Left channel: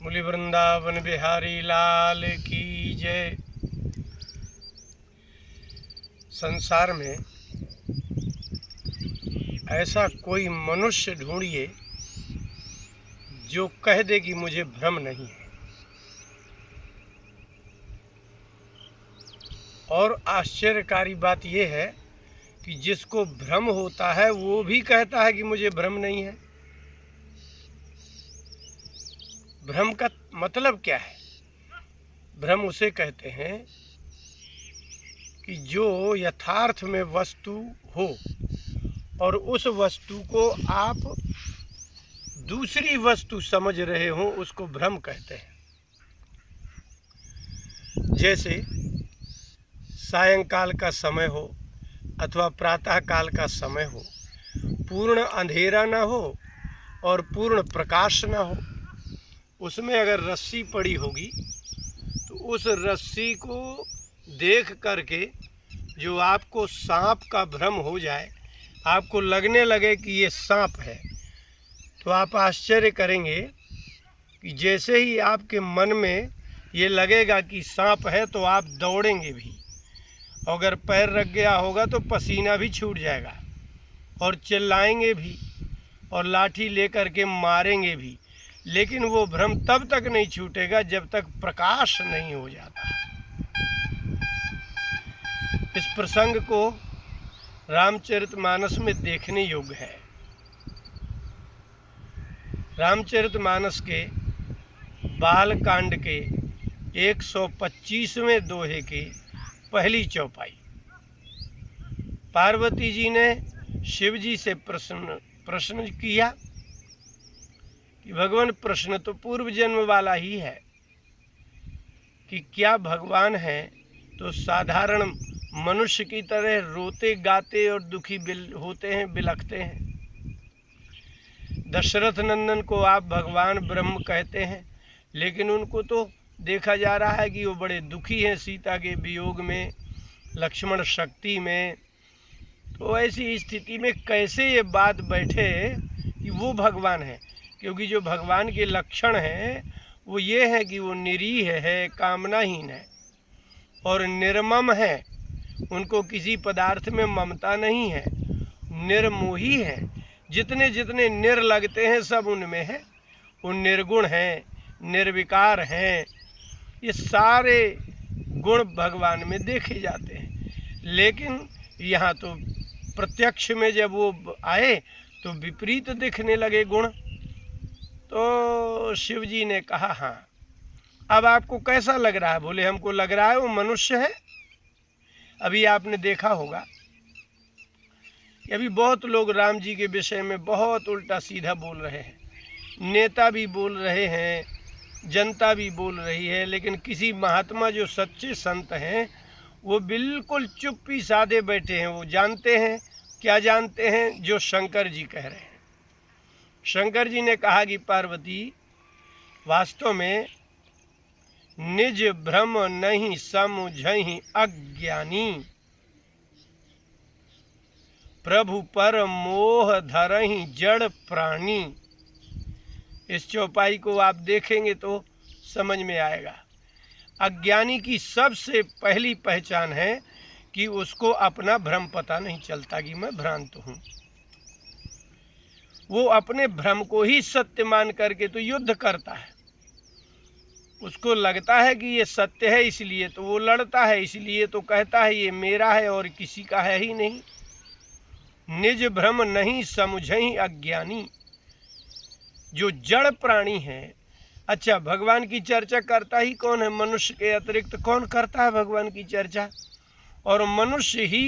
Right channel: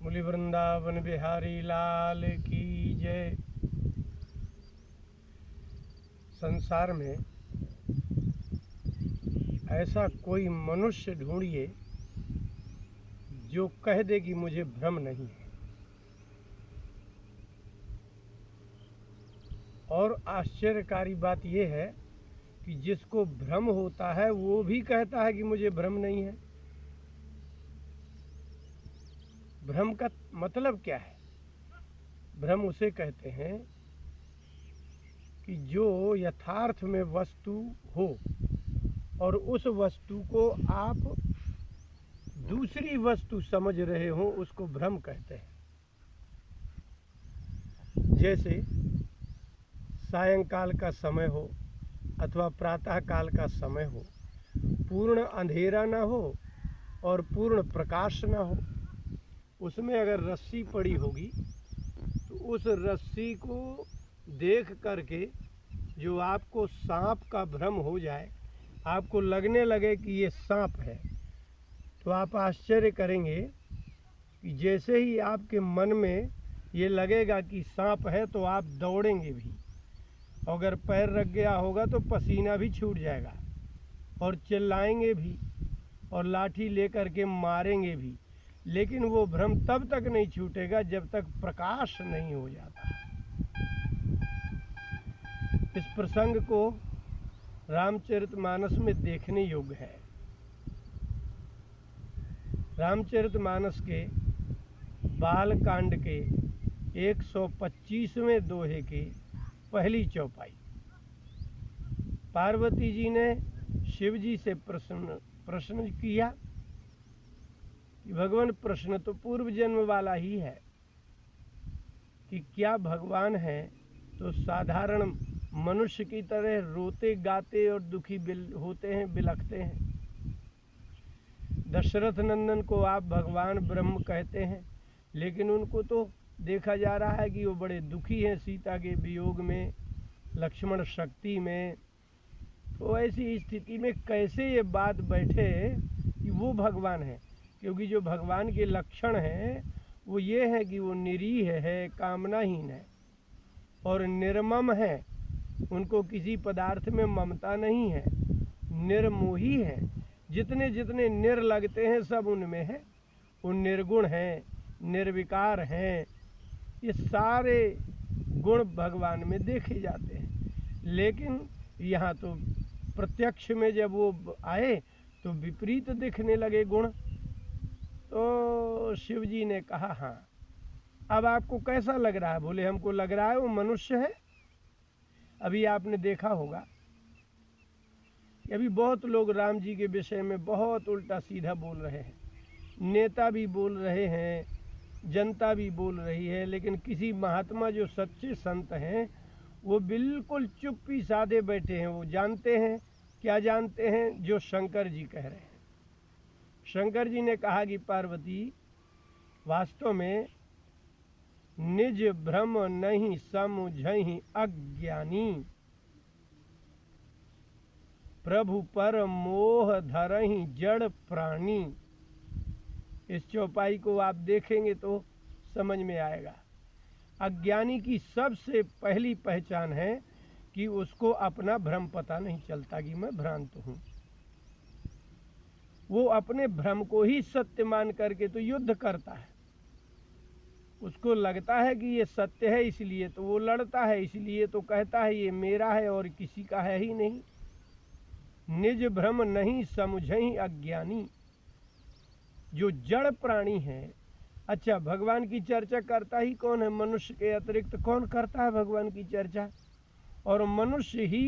बोली वृंदावन बिहारी लाल की जय। संसार में ऐसा कोई मनुष्य ढूंढिए जो कह दे कि मुझे भ्रम नहीं है। और आश्चर्यकारी बात यह है कि जिसको भ्रम होता है वो भी कहता है कि मुझे भ्रम नहीं है। भ्रम का मतलब क्या है? भ्रम उसे कहते हैं कि जो यथार्थ में वस्तु हो और उस वस्तु को आप दूसरी वस्तु समझ रहे हो, उसको भ्रम कहते हैं। जैसे सायंकाल का समय हो अथवा प्रातः काल का समय हो, पूर्ण अंधेरा ना हो और पूर्ण प्रकाश ना हो, उसमें अगर रस्सी पड़ी होगी तो उस रस्सी को देख करके जो आपको सांप का भ्रम हो जाए, आपको लगने लगे कि ये सांप है, तो आप आश्चर्य करेंगे कि जैसे ही आपके मन में ये लगेगा कि सांप है तो आप दौड़ेंगे भी। अगर पैर रख गया होगा तो पसीना भी छूट जाएगा और चिल्लाएंगे भी और लाठी लेकर के मारेंगे भी, लेकिन वो भ्रम तब तक नहीं छूटेगा जब तक प्रकाश नहीं हो जाता। इस प्रसंग को रामचरितमानस में देखने योग्य है। रामचरितमानस के बाल कांड के 125वें दोहे की पहली चौपाई। पार्वती जी ने शिव जी से प्रश्न किया कि भगवान, प्रश्न तो पूर्व जन्म वाला ही है कि क्या भगवान है तो साधारण मनुष्य की तरह रोते गाते और दुखी होते हैं, बिलखते हैं। दशरथ नंदन को आप भगवान ब्रह्म कहते हैं, लेकिन उनको तो देखा जा रहा है कि वो बड़े दुखी हैं सीता के वियोग में, लक्ष्मण शक्ति में। तो ऐसी स्थिति में कैसे ये बात बैठे कि वो भगवान है? क्योंकि जो भगवान के लक्षण हैं वो ये है कि वो निरीह है, कामनाहीन है और निर्मम है। उनको किसी पदार्थ में ममता नहीं है, निर्मोही है। जितने जितने निर लगते हैं सब उनमें है। वो निर्गुण हैं, निर्विकार हैं। ये सारे गुण भगवान में देखे जाते हैं, लेकिन यहाँ तो प्रत्यक्ष में जब वो आए तो विपरीत दिखने लगे गुण। तो शिव जी ने कहा, हाँ, अब आपको कैसा लग रहा है? बोले, हमको लग रहा है वो मनुष्य है। अभी आपने देखा होगा कि अभी बहुत लोग राम जी के विषय में बहुत उल्टा सीधा बोल रहे हैं। नेता भी बोल रहे हैं, जनता भी बोल रही है, लेकिन किसी महात्मा जो सच्चे संत हैं वो बिल्कुल चुप्पी साधे बैठे हैं। वो जानते हैं, क्या जानते हैं? जो शंकर जी कह रहे हैं। शंकर जी ने कहा कि पार्वती, वास्तव में निज भ्रम नहीं समझहि अज्ञानी, प्रभु पर मोह धरहि जड़ प्राणी। इस चौपाई को आप देखेंगे तो समझ में आएगा। अज्ञानी की सबसे पहली पहचान है कि उसको अपना भ्रम पता नहीं चलता कि मैं भ्रांत हूँ। वो अपने भ्रम को ही सत्य मान करके तो युद्ध करता है। उसको लगता है कि ये सत्य है, इसलिए तो वो लड़ता है, इसलिए तो कहता है ये मेरा है और किसी का है ही नहीं। निज भ्रम नहीं समझहि अज्ञानी, जो जड़ प्राणी है। अच्छा, भगवान की चर्चा करता ही कौन है? मनुष्य के अतिरिक्त कौन करता है भगवान की चर्चा? और मनुष्य ही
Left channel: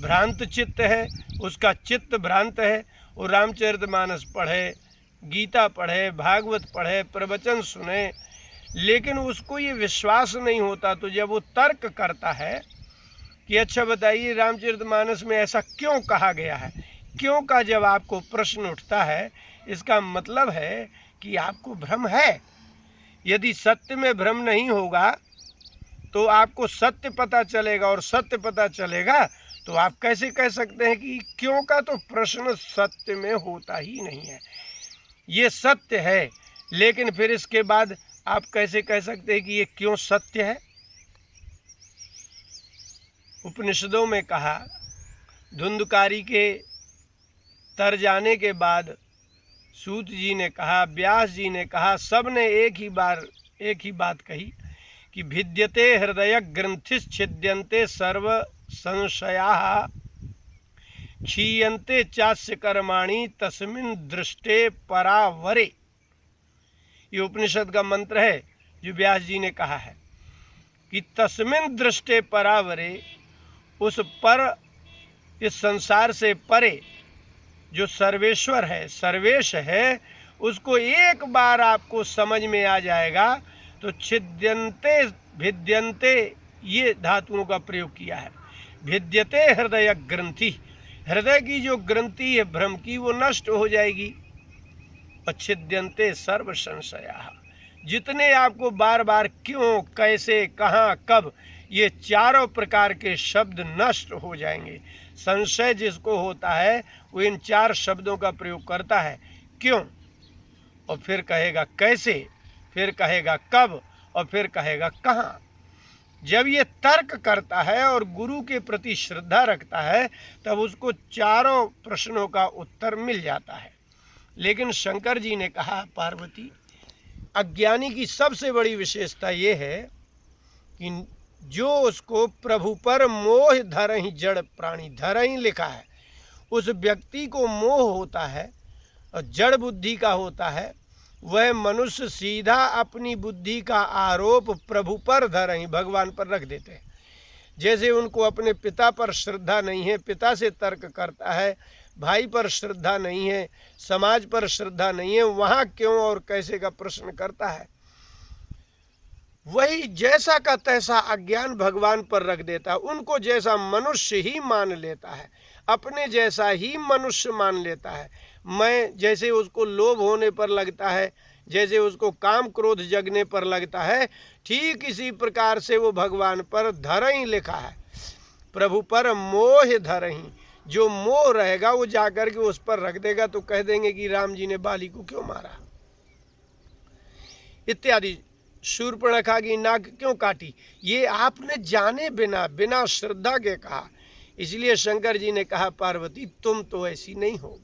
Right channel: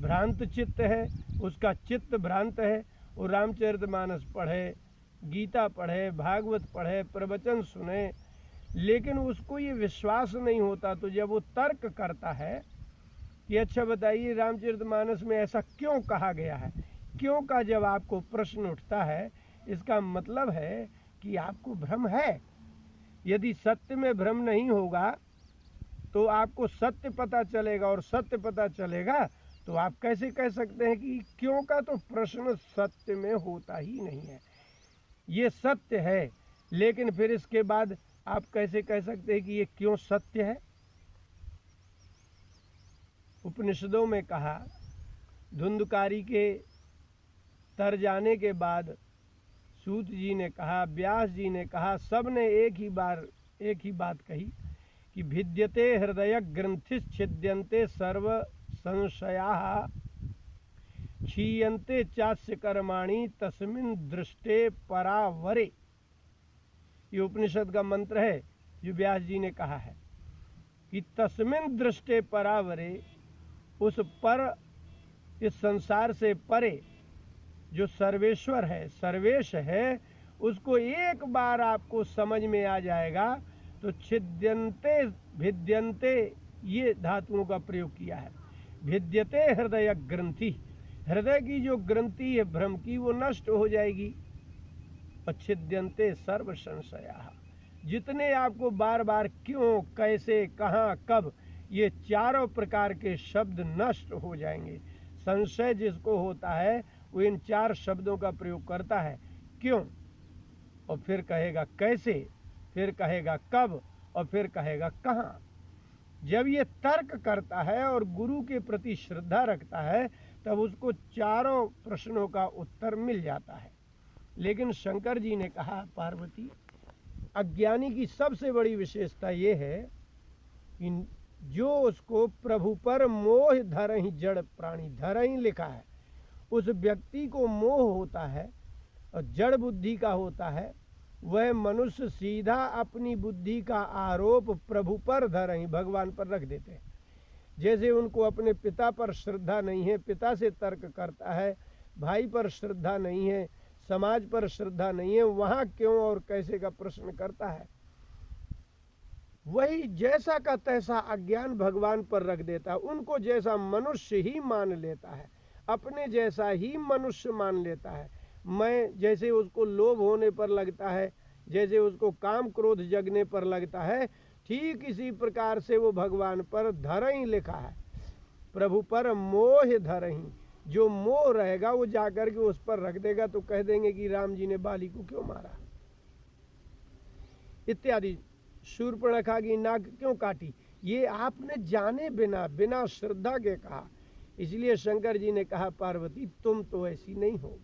भ्रांत चित्त है, उसका चित्त भ्रांत है। वो रामचरितमानस पढ़े, गीता पढ़े, भागवत पढ़े, प्रवचन सुने, लेकिन उसको ये विश्वास नहीं होता। तो जब वो तर्क करता है कि अच्छा बताइए रामचरितमानस में ऐसा क्यों कहा गया है, क्यों का जब आपको प्रश्न उठता है, इसका मतलब है कि आपको भ्रम है। यदि सत्य में भ्रम नहीं होगा तो आपको सत्य पता चलेगा, और सत्य पता चलेगा तो आप कैसे कह सकते हैं कि क्यों का तो प्रश्न सत्य में होता ही नहीं है। ये सत्य है, लेकिन फिर इसके बाद आप कैसे कह सकते हैं कि ये क्यों सत्य है? उपनिषदों में कहा, धुंधकारी के तर जाने के बाद सूत जी ने कहा, व्यास जी ने कहा, सब ने एक ही बात कही कि भिद्यते हृदय ग्रंथिश्छिद्यन्ते सर्व संशयाः क्षीयन्ते चास्य कर्माणि तस्मिन् दृष्टे परावरे। ये उपनिषद का मंत्र है जो व्यास जी ने कहा है कि तस्मिन् दृष्टे परावरे, उस पर, इस संसार से परे जो सर्वेश्वर है, सर्वेश है, उसको एक बार आपको समझ में आ जाएगा तो छिद्यन्ते भिद्यन्ते ये धातुओं का प्रयोग किया है। भिद्यते हृदय ग्रंथि, हृदय की जो ग्रंथि है भ्रम की वो नष्ट हो जाएगी। और छिद्यन्ते सर्व संशया, जितने आपको बार बार क्यों, कैसे, कहाँ, कब, ये चारों प्रकार के शब्द नष्ट हो जाएंगे। संशय जिसको होता है वो इन चार शब्दों का प्रयोग करता है, क्यों, और फिर कहेगा कैसे, फिर कहेगा कब, और फिर कहेगा कहाँ। जब ये तर्क करता है और गुरु के प्रति श्रद्धा रखता है तब उसको चारों प्रश्नों का उत्तर मिल जाता है। लेकिन शंकर जी ने कहा, पार्वती, अज्ञानी की सबसे बड़ी विशेषता ये है कि जो उसको प्रभु पर मोह धरहि जड़ प्राणी, धरहि लिखा है, उस व्यक्ति को मोह होता है और जड़ बुद्धि का होता है, वह मनुष्य सीधा अपनी बुद्धि का आरोप प्रभु पर धरहि, भगवान पर रख देते हैं। जैसे उनको अपने पिता पर श्रद्धा नहीं है, पिता से तर्क करता है, भाई पर श्रद्धा नहीं है, समाज पर श्रद्धा नहीं है, वहाँ क्यों और कैसे का प्रश्न करता है, वही जैसा का तैसा अज्ञान भगवान पर रख देता है। उनको जैसा मनुष्य ही मान लेता है, अपने जैसा ही मनुष्य मान लेता है। मैं जैसे उसको लोभ होने पर लगता है, जैसे उसको काम क्रोध जगने पर लगता है, ठीक इसी प्रकार से वो भगवान पर धरहि लिखा है, प्रभु पर मोह धरहि। जो मोह रहेगा वो जाकर के उस पर रख देगा तो कह देंगे कि राम जी ने बाली को क्यों मारा इत्यादि। शूर्पणखा की नाक क्यों काटी, ये आपने जाने बिना, बिना श्रद्धा के कहा। इसलिए शंकर जी ने कहा, पार्वती तुम तो ऐसी नहीं हो,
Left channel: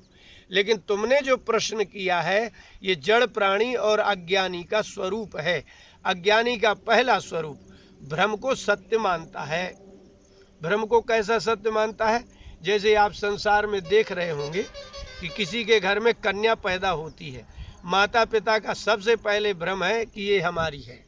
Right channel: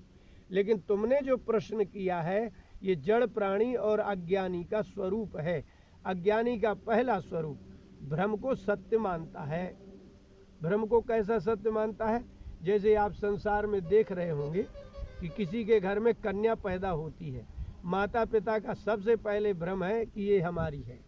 लेकिन तुमने जो प्रश्न किया है ये जड़ प्राणी और अज्ञानी का स्वरूप है। अज्ञानी का पहला स्वरूप भ्रम को सत्य मानता है। भ्रम को कैसा सत्य मानता है? जैसे आप संसार में देख रहे होंगे कि किसी के घर में कन्या पैदा होती है, माता पिता का सबसे पहले भ्रम है कि ये हमारी है।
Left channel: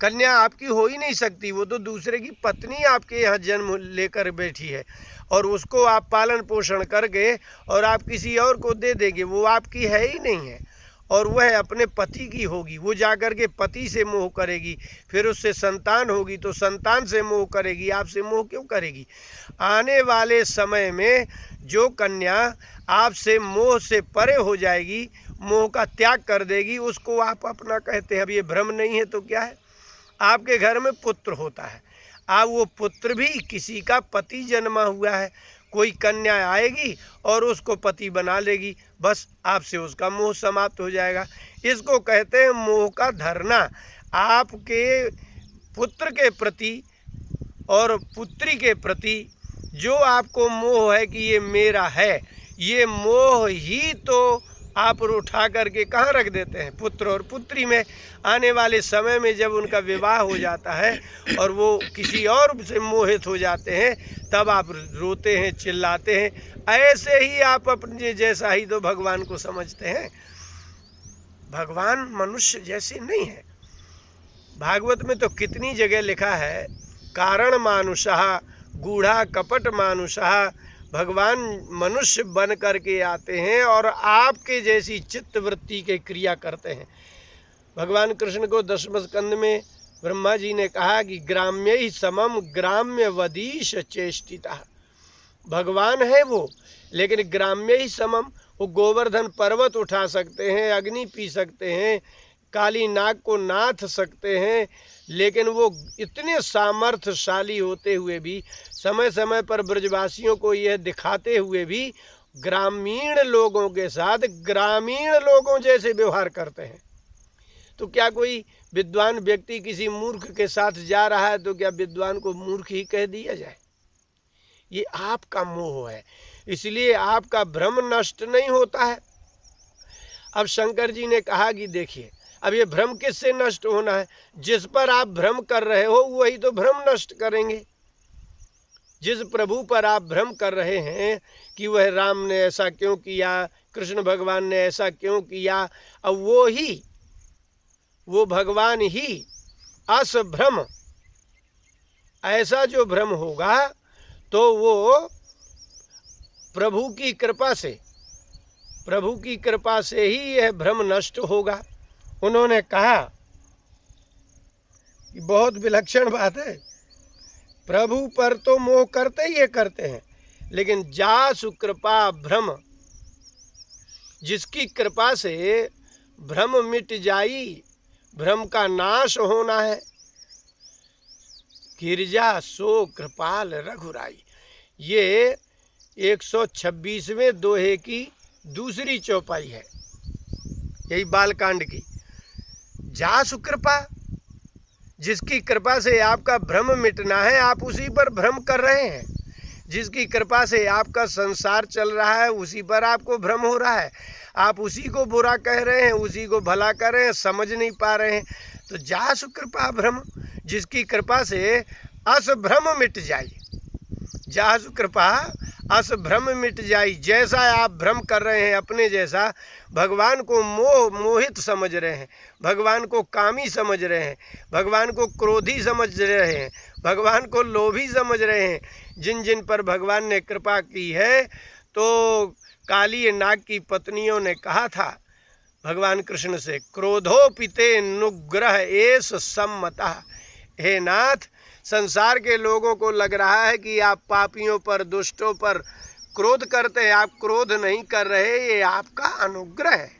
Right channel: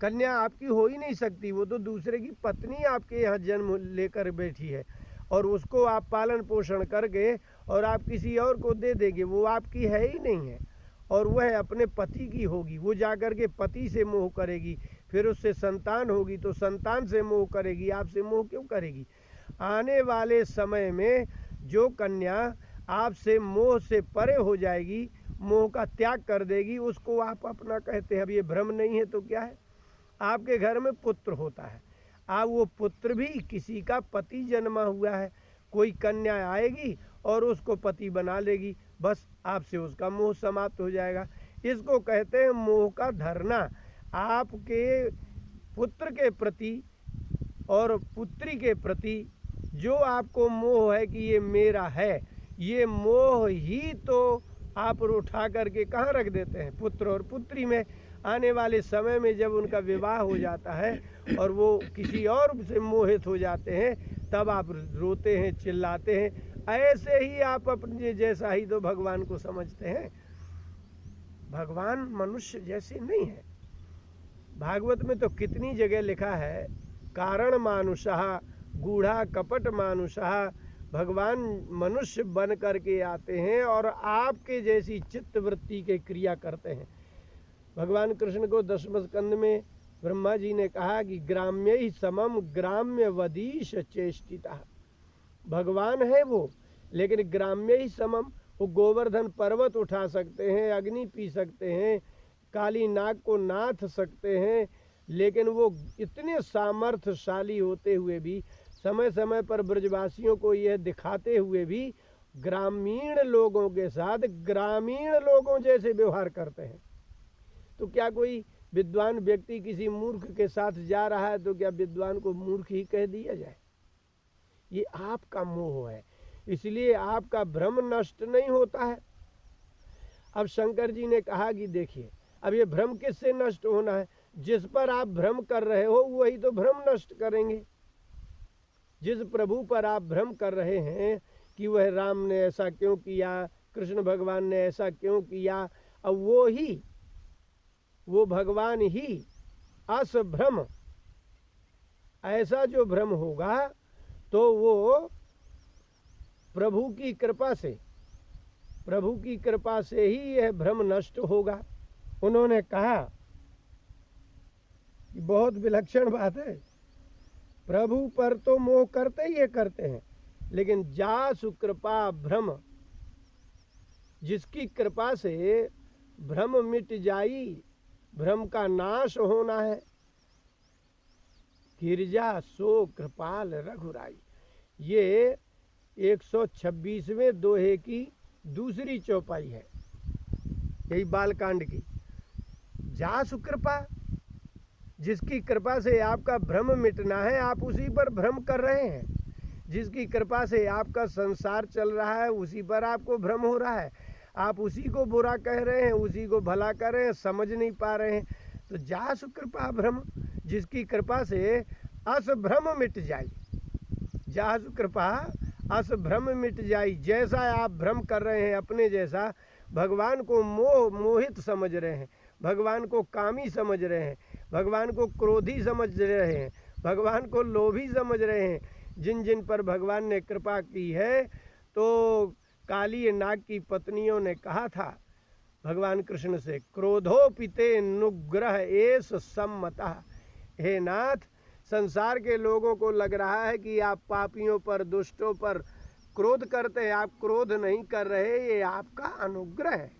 कन्या आपकी हो ही नहीं सकती, वो तो दूसरे की पत्नी आपके यहाँ जन्म लेकर बैठी है और उसको आप पालन पोषण करके और आप किसी और को दे देंगे, वो आपकी है ही नहीं है। और वह अपने पति की होगी, वो जाकर के पति से मोह करेगी, फिर उससे संतान होगी तो संतान से मोह करेगी, आपसे मोह क्यों करेगी? आने वाले समय में जो कन्या आपसे मोह से परे हो जाएगी, मोह का त्याग कर देगी, उसको आप अपना कहते हैं। अब ये भ्रम नहीं है तो क्या है? आपके घर में पुत्र होता है, अब वो पुत्र भी किसी का पति जन्मा हुआ है, कोई कन्या आएगी और उसको पति बना लेगी, बस आपसे उसका मोह समाप्त हो जाएगा। इसको कहते हैं मोह का धरना। आपके पुत्र के प्रति और पुत्री के प्रति जो आपको मोह है कि ये मेरा है, ये मोह ही तो आप उठा करके कहाँ रख देते हैं? पुत्र और पुत्री में। आने वाले समय में जब उनका विवाह हो जाता है और वो किसी और से मोहित हो जाते हैं, तब आप रोते हैं, चिल्लाते हैं। ऐसे ही आप अपने जैसा ही तो भगवान को समझते हैं। भगवान मनुष्य जैसे नहीं है। भागवत में तो कितनी जगह लिखा है, कारण मानुषः गूढ़ा कपट मानुषः, भगवान मनुष्य बन करके आते हैं और आपके जैसी चित्त वृत्ति के क्रिया करते हैं। भगवान कृष्ण को दशम स्कंद में ब्रह्मा जी ने कहा कि ग्राम्य ही समम ग्राम्य वदीश चेष्टिता। भगवान है वो, लेकिन ग्राम्य ही समम, वो गोवर्धन पर्वत उठा सकते हैं, अग्नि पी सकते हैं, काली नाग को नाथ सकते हैं, लेकिन वो इतने सामर्थ्यशाली होते हुए भी, समय समय पर ब्रजवासियों को यह दिखाते हुए भी ग्रामीण लोगों के साथ ग्रामीण लोगों जैसे व्यवहार करते हैं। तो क्या कोई विद्वान व्यक्ति किसी मूर्ख के साथ जा रहा है तो क्या विद्वान को मूर्ख ही कह दिया जाए? ये आपका मोह है, इसलिए आपका भ्रम नष्ट नहीं होता है। अब शंकर जी ने कहा कि देखिए, अब ये भ्रम किससे नष्ट होना है? जिस पर आप भ्रम कर रहे हो वही तो भ्रम नष्ट करेंगे। जिस प्रभु पर आप भ्रम कर रहे हैं कि वह राम ने ऐसा क्यों किया, कृष्ण भगवान ने ऐसा क्यों किया, अब वो भगवान ही असभ्रम, ऐसा जो भ्रम होगा तो वो प्रभु की कृपा से ही यह भ्रम नष्ट होगा। उन्होंने कहा कि बहुत विलक्षण बात है, प्रभु पर तो मोह करते ही करते हैं, लेकिन जासु कृपा भ्रम, जिसकी कृपा से भ्रम मिट जाई, भ्रम का नाश होना है, गिरजा सो कृपाल रघुराई। ये 126वें दोहे की दूसरी चौपाई है, यही बालकांड की। जासु कृपा, जिसकी कृपा से आपका भ्रम मिटना है, आप उसी पर भ्रम कर रहे हैं। जिसकी कृपा से आपका संसार चल रहा है उसी पर आपको भ्रम हो रहा है। आप उसी को बुरा कह रहे हैं, उसी को भला कर रहे हैं, समझ नहीं पा रहे हैं। तो जासु कृपा भ्रम, जिसकी कृपा से असभ्रम मिट जाए, जासु कृपा असभ्रम मिट जाई। जैसा आप भ्रम कर रहे हैं अपने जैसा, भगवान को मोहित समझ रहे हैं, भगवान को कामी समझ रहे हैं, भगवान को क्रोधी समझ रहे हैं, भगवान को लोभी समझ रहे हैं। जिन जिन पर भगवान ने कृपा की है, तो काली नाग की पत्नियों ने कहा था भगवान कृष्ण से, क्रोधोपिते नुग्रह एस सम्मता। हे नाथ, संसार के लोगों को लग रहा है कि आप पापियों पर, दुष्टों पर क्रोध करते हैं, आप क्रोध नहीं कर रहे, ये आपका अनुग्रह है।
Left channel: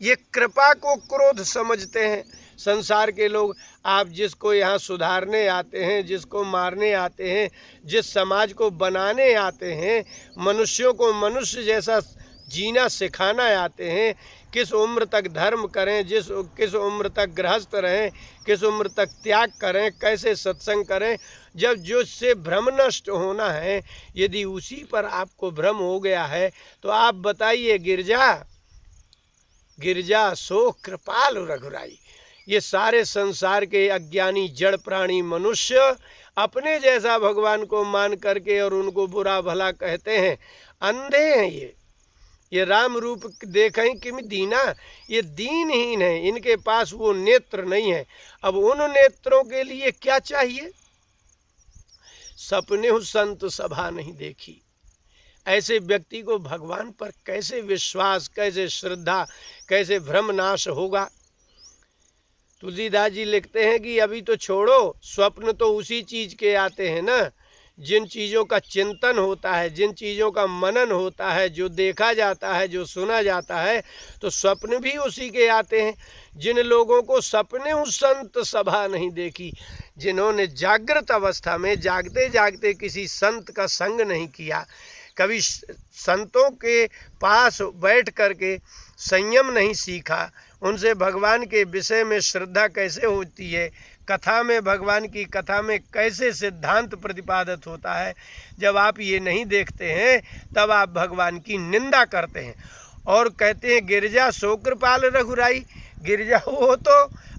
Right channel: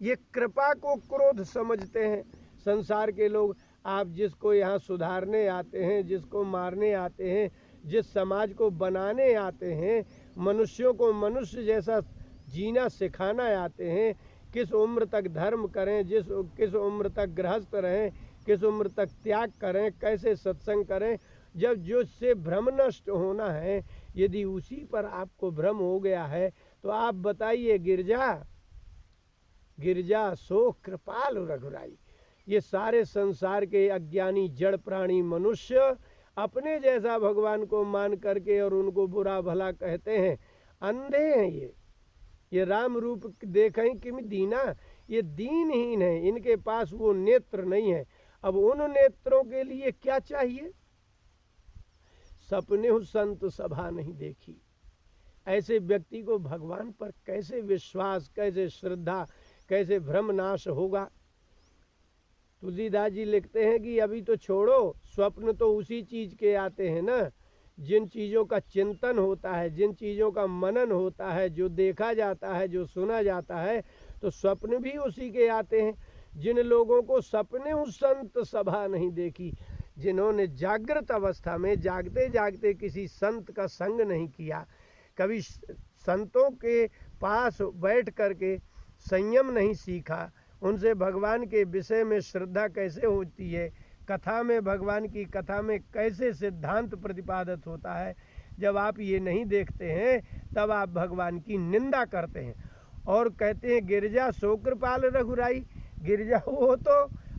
ये कृपा को क्रोध समझते हैं संसार के लोग। आप जिसको यहाँ सुधारने आते हैं, जिसको मारने आते हैं, जिस समाज को बनाने आते हैं, मनुष्यों को मनुष्य जैसा जीना सिखाना आते हैं, किस उम्र तक धर्म करें, किस उम्र तक गृहस्थ रहें, किस उम्र तक त्याग करें, कैसे सत्संग करें, जब जो से भ्रम नष्ट होना है, यदि उसी पर आपको भ्रम हो गया है तो आप बताइए, गिरजा सो कृपाल रघुराई। ये सारे संसार के अज्ञानी जड़ प्राणी मनुष्य अपने जैसा भगवान को मान करके और उनको बुरा भला कहते हैं, अंधे हैं। ये राम रूप देखें कि दीना, ये दीनहीन है, इनके पास वो नेत्र नहीं है। अब उन नेत्रों के लिए क्या चाहिए? सपने संत सभा नहीं देखी। ऐसे व्यक्ति को भगवान पर कैसे विश्वास, कैसे श्रद्धा, कैसे भ्रम नाश होगा? तुलसीदास जी लिखते हैं कि अभी तो छोड़ो, स्वप्न तो उसी चीज के आते हैं ना, जिन चीज़ों का चिंतन होता है, जिन चीज़ों का मनन होता है, जो देखा जाता है, जो सुना जाता है, तो स्वप्न भी उसी के आते हैं। जिन लोगों को सपने संत सभा नहीं देखी, जिन्होंने जागृत अवस्था में जागते जागते किसी संत का संग नहीं किया, कभी संतों के पास बैठ करके संयम नहीं सीखा, उनसे भगवान के विषय में श्रद्धा कैसे होती है, कथा में, भगवान की कथा में कैसे सिद्धांत प्रतिपादित होता है, जब आप ये नहीं देखते हैं तब आप भगवान की निंदा करते हैं और कहते हैं गिरजा सो कृपाल रघुराई। गिरजा वो तो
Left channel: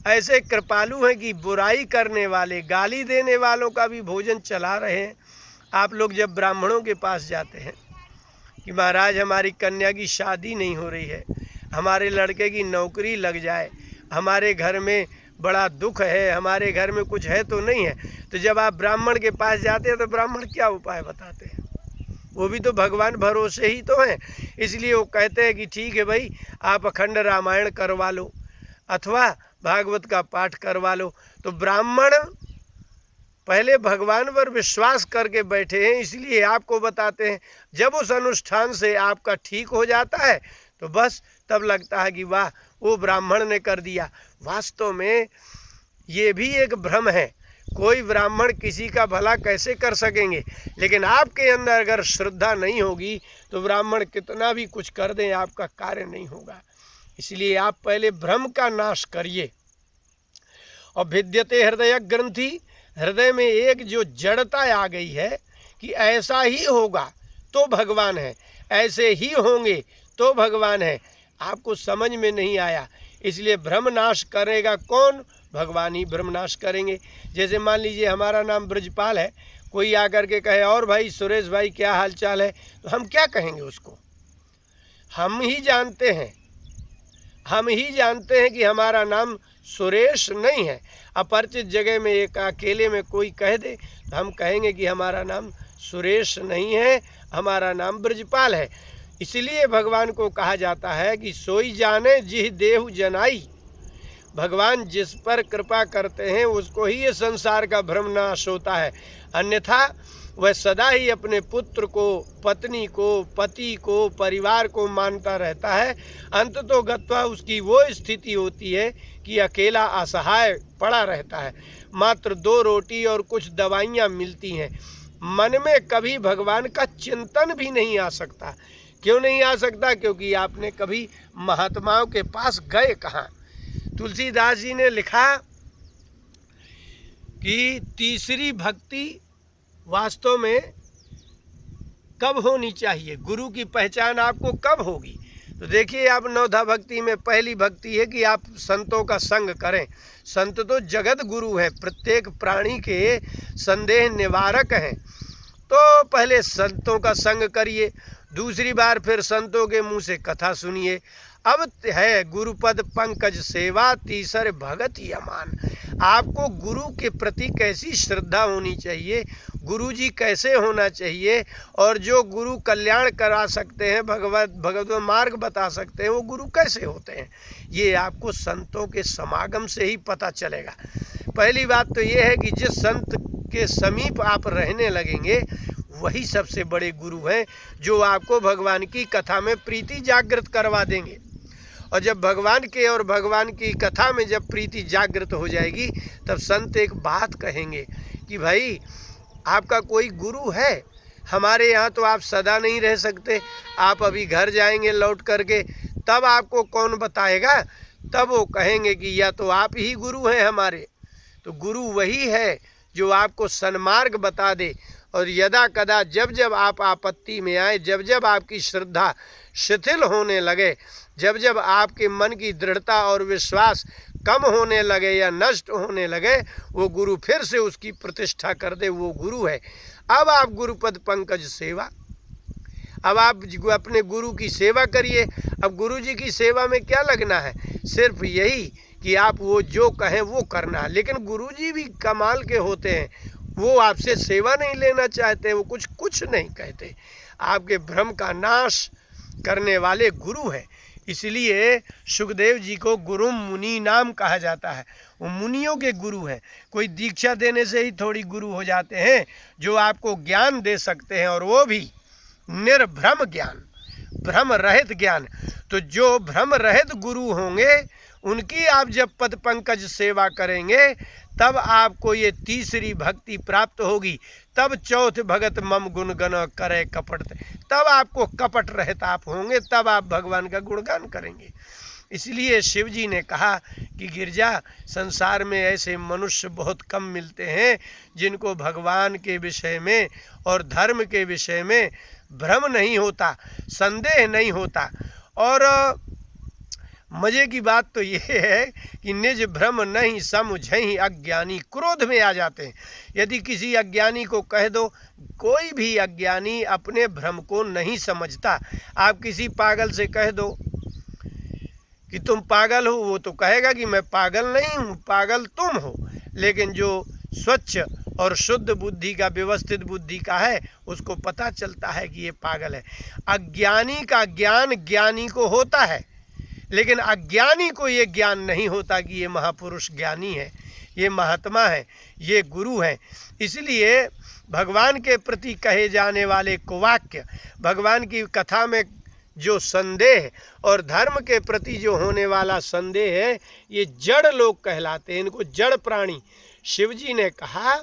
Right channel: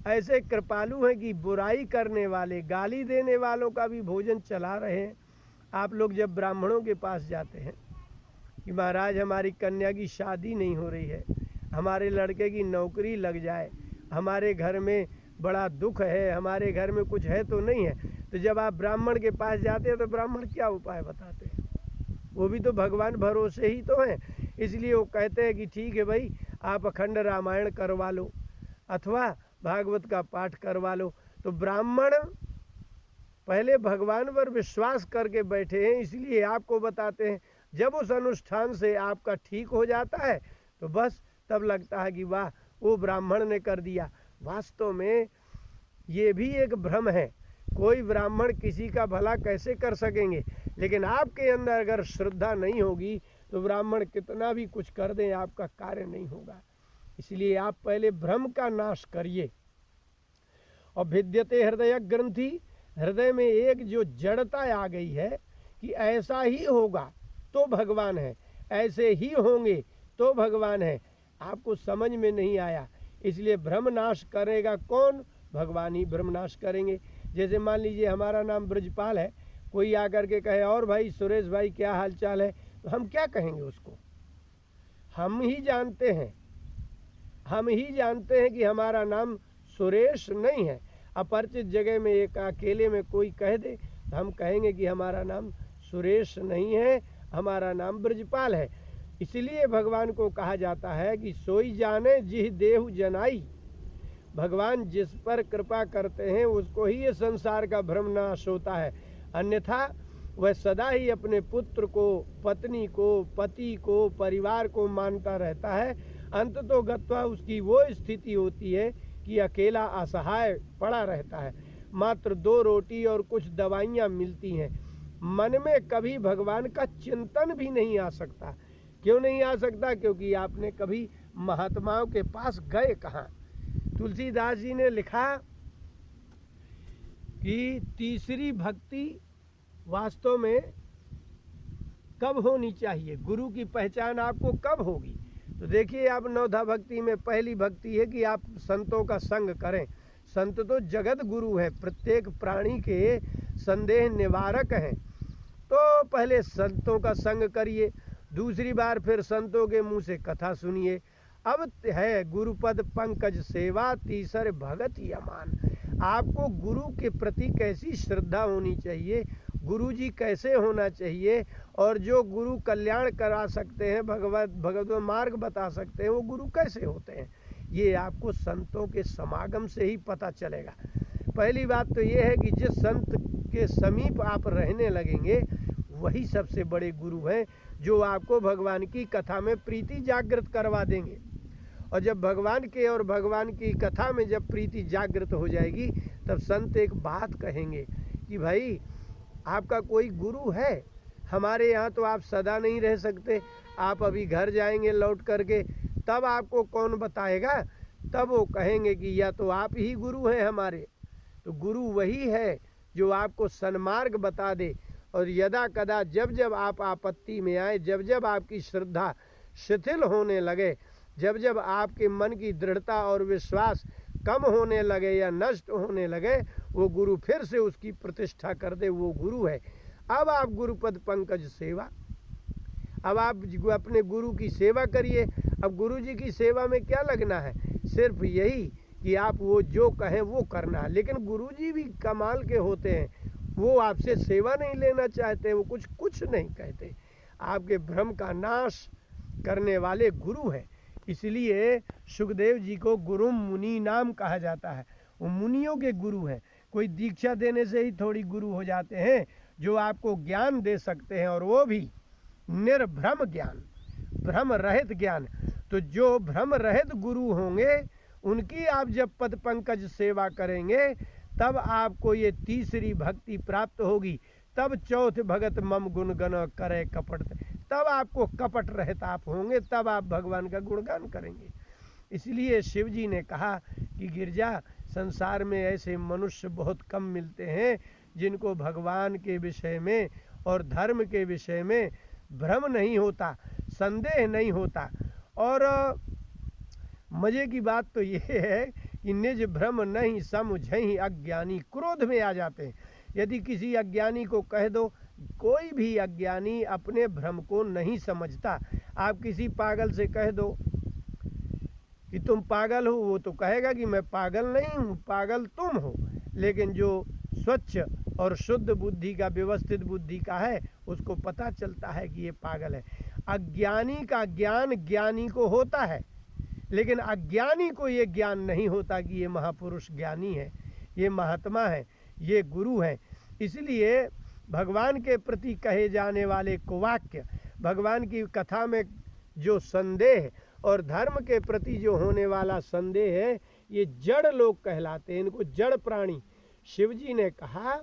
ऐसे कृपालु हैं कि बुराई करने वाले, गाली देने वालों का भी भोजन चला रहे हैं। आप लोग जब ब्राह्मणों के पास जाते हैं कि महाराज हमारी कन्या की शादी नहीं हो रही है, हमारे लड़के की नौकरी लग जाए, हमारे घर में बड़ा दुख है, हमारे घर में कुछ है तो नहीं है, तो जब आप ब्राह्मण के पास जाते हैं तो ब्राह्मण क्या उपाय बताते हैं? वो भी तो भगवान भरोसे ही तो हैं। इसलिए वो कहते हैं कि ठीक है भाई, आप अखंड रामायण करवा लो अथवा भागवत का पाठ करवा लो। तो ब्राह्मण पहले भगवान पर विश्वास करके बैठे हैं, इसलिए आपको बताते हैं। जब उस अनुष्ठान से आपका ठीक हो जाता है तो बस तब लगता है कि वाह, वो ब्राह्मण ने कर दिया। वास्तव में ये भी एक भ्रम है। कोई ब्राह्मण किसी का भला कैसे कर सकेंगे, लेकिन आपके अंदर अगर श्रद्धा नहीं होगी तो ब्राह्मण कितना भी कुछ कर दें आपका कार्य नहीं होगा। इसलिए आप पहले भ्रम का नाश करिए। और भिद्यते हृदय ग्रंथि, हृदय में एक जो जड़ता आ गई है कि ऐसा ही होगा तो भगवान है, ऐसे ही होंगे तो भगवान है, आपको समझ में नहीं आया। इसलिए भ्रम नाश करेगा कौन? भगवान ही भ्रम नाश करेंगे। जैसे मान लीजिए हमारा नाम ब्रजपाल है, कोई आकर के कहे और भाई सुरेश भाई क्या हाल चाल है, तो हम क्या कहेंगे उसको? हम ही जानते हैं कि हमारा नाम सुरेश नहीं है। अपरिचित जगह में एक अकेले में कोई कह दे तो हम कहेंगे कि हमारा नाम सुरेश नहीं है, हमारा नाम ब्रजपाल है। इसलिए भगवान को कहा जाता है कि सोई जाने जिह देहु जनाई। भगवान जिस पर कृपा करते हैं उसको ही ये संसार का भ्रम नाश होता है, अन्यथा वह सदा ही अपने पुत्र को, पत्नी को, पति को, परिवार को मानता रहता है। अंततो गत्वा उसकी वो स्थिति होती है कि अकेला असहाय पड़ा रहता है। मात्र 2 रोटी और कुछ दवाइयाँ मिलती हैं। मन में कभी भगवान का चिंतन भी नहीं आ सकता। क्यों नहीं आ सकता? क्योंकि आपने कभी महात्माओं के पास गए कहाँ। तुलसीदास जी ने लिखा कि तीसरी भक्ति वास्तव में कब होनी चाहिए, गुरु की पहचान आपको कब होगी? तो देखिए, आप नवधा भक्ति में पहली भक्ति है कि आप संतों का संग करें। संत तो जगत गुरु हैं, प्रत्येक प्राणी के संदेह निवारक हैं। तो पहले संतों का संग करिए, दूसरी बार फिर संतों के मुंह से कथा सुनिए। अब है गुरुपद पंकज सेवा, तीसरे भगत ही अमान। आपको गुरु के प्रति कैसी श्रद्धा होनी चाहिए, गुरु जी कैसे होना चाहिए, और जो गुरु कल्याण करा सकते हैं, भगवत मार्ग बता सकते हैं, वो गुरु कैसे होते हैं, ये आपको संतों के समागम से ही पता चलेगा। पहली बात तो ये है कि जिस संत के समीप आप रहने लगेंगे वही सबसे बड़े गुरु हैं, जो आपको भगवान की कथा में प्रीति जागृत करवा देंगे। और जब भगवान के और भगवान की कथा में जब प्रीति जागृत हो जाएगी, तब संत एक बात कहेंगे कि भाई आपका कोई गुरु है? हमारे यहाँ तो आप सदा नहीं रह सकते, आप अभी घर जाएंगे लौट करके, तब आपको कौन बताएगा? तब वो कहेंगे कि या तो आप ही गुरु हैं हमारे। तो गुरु वही है जो आपको सन्मार्ग बता दे। और यदा कदा जब जब आप आपत्ति में आए, जब जब आपकी श्रद्धा शिथिल होने लगे, जब जब आपके मन की दृढ़ता और विश्वास कम होने लगे या नष्ट होने लगे, वो गुरु फिर से उसकी प्रतिष्ठा कर दे, वो गुरु है। अब आप गुरुपद पंकज सेवा, अब आप अपने गुरु की सेवा करिए। अब गुरु जी की सेवा में क्या लगना है? सिर्फ यही कि आप वो जो कहें वो करना है। लेकिन गुरु जी भी कमाल के होते हैं, वो आपसे सेवा नहीं लेना चाहते, वो कुछ नहीं कहते। आपके भ्रम का नाश करने वाले गुरु हैं। इसलिए सुखदेव जी को गुरु मुनि नाम कहा जाता है। वो मुनियों के गुरु हैं। कोई दीक्षा देने से ही थोड़ी गुरु हो जाते हैं, जो आपको ज्ञान दे सकते हैं, और वो भी निर्भ्रम ज्ञान, भ्रम रहित ज्ञान। तो जो भ्रम रहित गुरु होंगे उनकी आप जब पद पंकज सेवा करेंगे, तब आपको ये तीसरी भक्ति प्राप्त होगी। तब चौथ भगत मम गुण गण करे कपट, तब आपको कपट रहित आप होंगे, तब आप भगवान का गुणगान करेंगे। इसलिए शिव जी ने कहा कि गिरजा, संसार में ऐसे मनुष्य बहुत कम मिलते हैं जिनको भगवान के विषय में और धर्म के विषय में भ्रम नहीं होता, संदेह नहीं होता। और मजे की बात तो ये है कि निज भ्रम नहीं समझहि अज्ञानी, क्रोध में आ जाते हैं। यदि किसी अज्ञानी को कह दो, कोई भी अज्ञानी अपने भ्रम को नहीं समझता। आप किसी पागल से कह दो कि तुम पागल हो, वो तो कहेगा कि मैं पागल नहीं हूँ, पागल तुम हो। लेकिन जो स्वच्छ और शुद्ध बुद्धि का, व्यवस्थित बुद्धि का है, उसको पता चलता है कि ये पागल है। अज्ञानी का ज्ञान ज्ञानी को होता है, लेकिन अज्ञानी को ये ज्ञान नहीं होता कि ये महापुरुष ज्ञानी है, ये महात्मा है, ये गुरु है। इसलिए भगवान के प्रति कहे जाने वाले कुवाक्य, भगवान की कथा में जो संदेह और धर्म के प्रति जो होने वाला संदेह है, ये जड़ लोग कहलाते हैं। इनको जड़ प्राणी, शिव जी ने कहा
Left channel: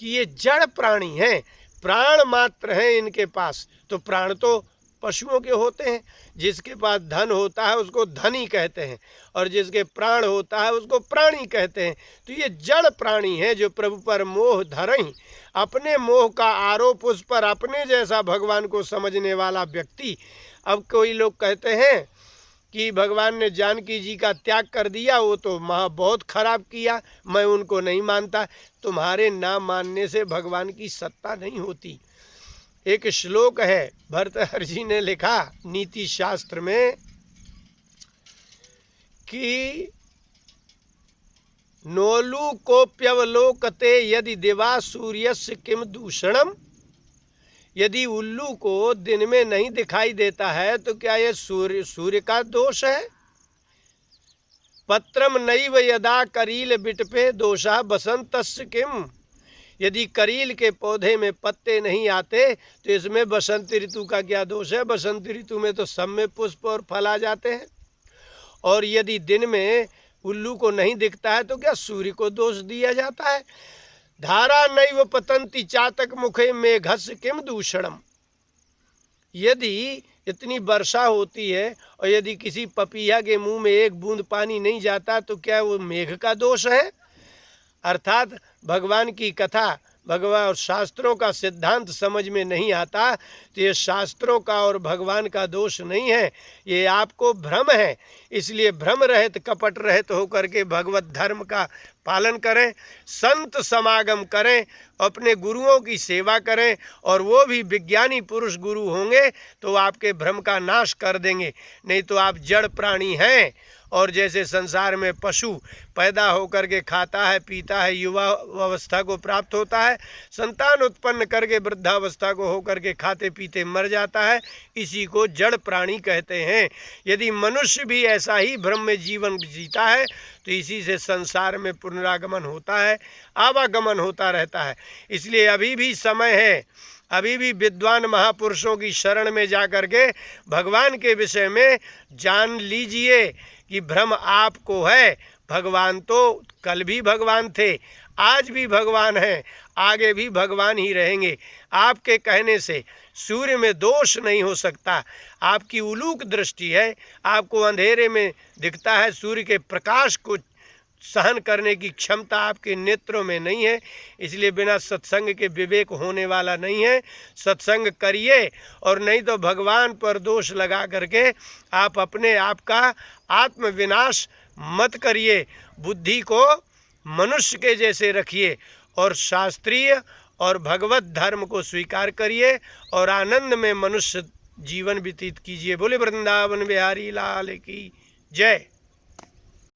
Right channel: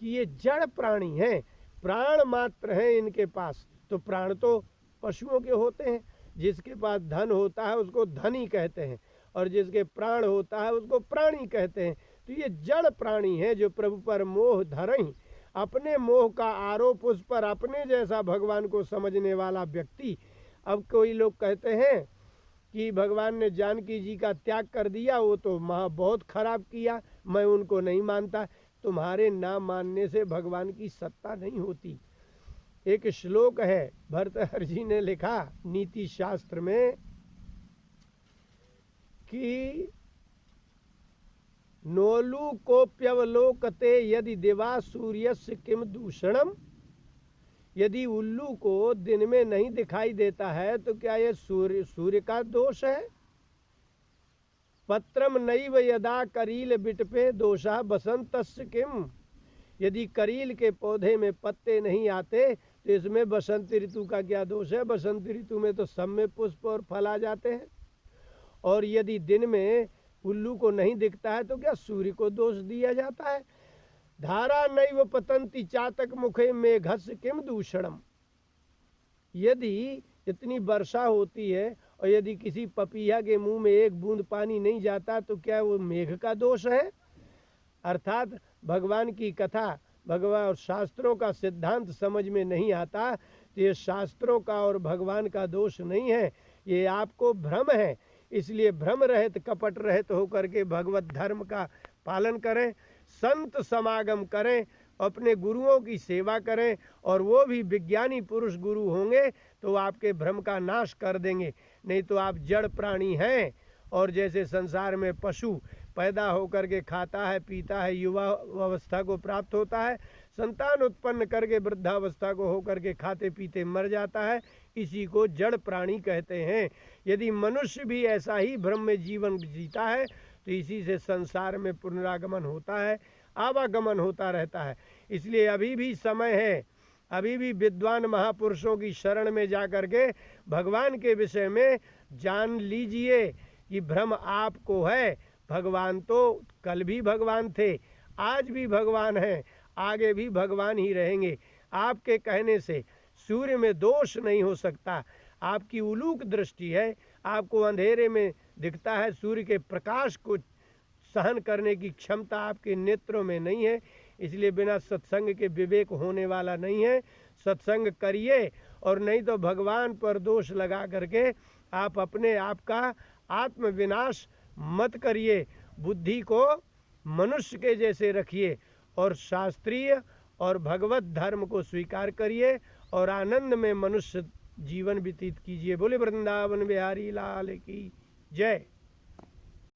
कि ये जड़ प्राणी हैं, प्राण मात्र हैं इनके पास। तो प्राण तो पशुओं के होते हैं, जिसके पास धन होता है उसको धनी कहते हैं, और जिसके प्राण होता है उसको प्राणी कहते हैं। तो ये जड़ प्राणी हैं जो प्रभु पर मोह धरहीं। अपने मोह का आरोप उस पर अपने जैसा भगवान को समझने वाला व्यक्ति। अब कोई लोग कहते हैं कि भगवान ने जानकी जी का त्याग कर दिया, वो तो बहुत खराब किया, मैं उनको नहीं मानता। तुम्हारे ना मानने से भगवान की सत्ता नहीं होती। एक श्लोक है, भर्तृहरि जी ने लिखा नीति शास्त्र में कि नोलूकोप्यवलोकते यदि दिवा सूर्यस्य किम दूषणम। यदि उल्लू को दिन में नहीं दिखाई देता है तो क्या ये सूर्य का दोष है? पत्रम नैव यदा करील बिटपे दोषा बसंतस्य किम। यदि करील के पौधे में पत्ते नहीं आते तो इसमें बसंत ऋतु का क्या दोष है? बसंत ऋतु में तो सब में पुष्प और फल आ जाते हैं। और यदि दिन में उल्लू को नहीं दिखता है तो क्या सूर्य को दोष दिया जाता है? धारा नैव पतंती चातक मुखे मेघस्य किम दूषणम। यदि इतनी वर्षा होती है और यदि किसी पपीहा के मुंह में एक बूंद पानी नहीं जाता तो क्या वो मेघ का दोष है? अर्थात भगवान की कथा, भगवान और शास्त्रों का सिद्धांत समझ में नहीं आता तो ये शास्त्रों का और भगवान का दोष नहीं है, ये आपको भ्रम है। इसलिए भ्रम रहित कपट रहित होकर के भगवत धर्म का पालन करें, संत समागम करें, अपने गुरुओं की सेवा करें, और वो भी विज्ञानी पुरुष गुरु होंगे तो आपके भ्रम का नाश कर देंगे। नहीं तो आप जड़ प्राणी हैं, और जैसे संसार में पशु पैदा होकर के खाता है, पीता है, युवा अवस्था को प्राप्त होता है, संतान उत्पन्न करके वृद्धावस्था को होकर के खाते पीते मर जाता है, इसी को जड़ प्राणी कहते हैं। यदि मनुष्य भी ऐसा ही भ्रम में जीवन जीता है तो इसी से संसार में पुनरागमन होता है, आवागमन होता रहता है। इसलिए अभी भी समय है, अभी भी विद्वान महापुरुषों की शरण में जा कर के भगवान के विषय में जान लीजिए कि भ्रम आपको है। भगवान तो कल भी भगवान थे, आज भी भगवान हैं, आगे भी भगवान ही रहेंगे। आपके कहने से सूर्य में दोष नहीं हो सकता। आपकी उलूक दृष्टि है, आपको अंधेरे में दिखता है, सूर्य के प्रकाश को सहन करने की क्षमता आपके नेत्रों में नहीं है। इसलिए बिना सत्संग के विवेक होने वाला नहीं है। सत्संग करिए, और नहीं तो भगवान पर दोष लगा करके आप अपने आप का आत्मविनाश मत करिए। बुद्धि को मनुष्य के जैसे रखिए और शास्त्रीय और भगवत धर्म को स्वीकार करिए और आनंद में मनुष्य जीवन व्यतीत कीजिए। बोले वृंदावन बिहारी लाल की जय।